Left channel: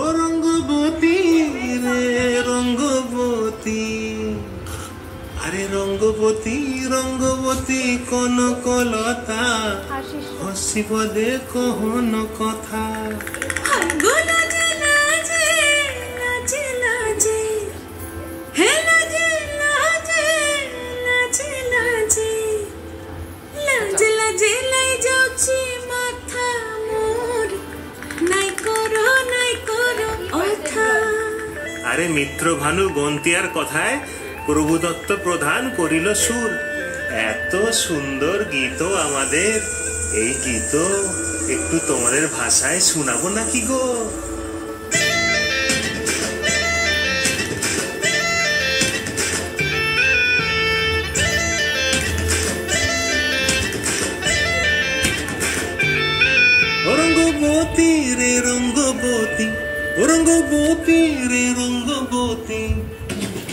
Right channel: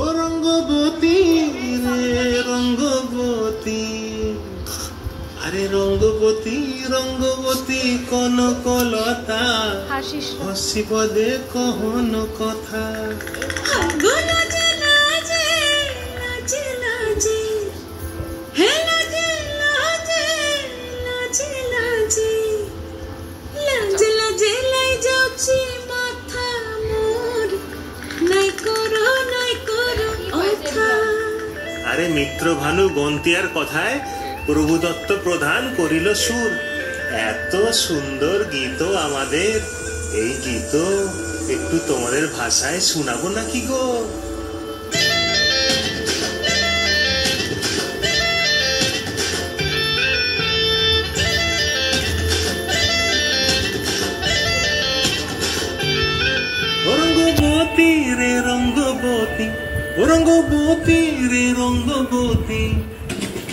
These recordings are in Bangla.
ও রঙ্গবতী রে রঙ্গবতী, আরে রঙ্গবতী রঙ্গবতী কনকলতা, হসিব দে কহন কথা। আরে মিত্র ভানু গন্তিয়ার কথায় প্রভুদত্ত প্রধান করিল সুর। এত সুন্দর গীত আমাদের, এই গীত একটু তোমাদের ভাষায় শোনাবো নাকি গো? রঙ্গবতী রে রঙ্গবতী, রঙ্গবতী রে রঙ্গবতী,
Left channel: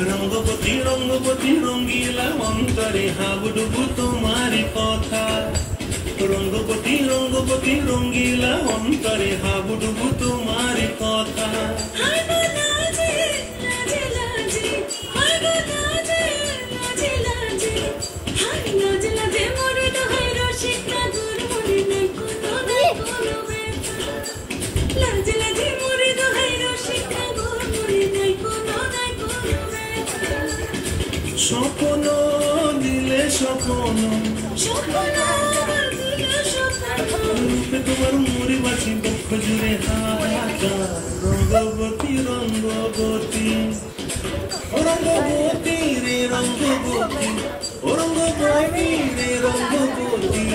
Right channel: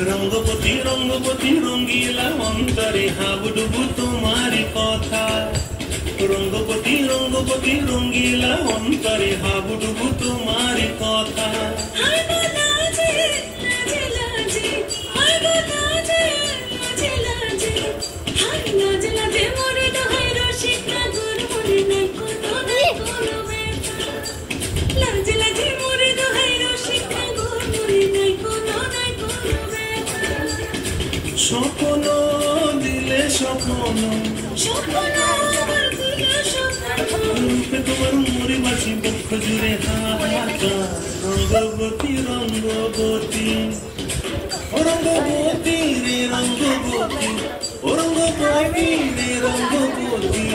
রঙ্গবতী রঙ্গবতী রঙ্গিলা অন্তরে হাবুডুবু তোমার কথা। রঙ্গবতী রঙ্গবতী রঙ্গিলা অন্তরে হাবুডুবু তোমার কথা। স্বপ্ন দিলে স্বপ্ন, তোমার মরি বাঁচি দুঃখ জুড়ে হাতা। রঙ্গবতী রঙ্গবতী, রঙ্গবতী রে রঙ্গবতী, রঙ্গবতী রে রঙ্গবতী।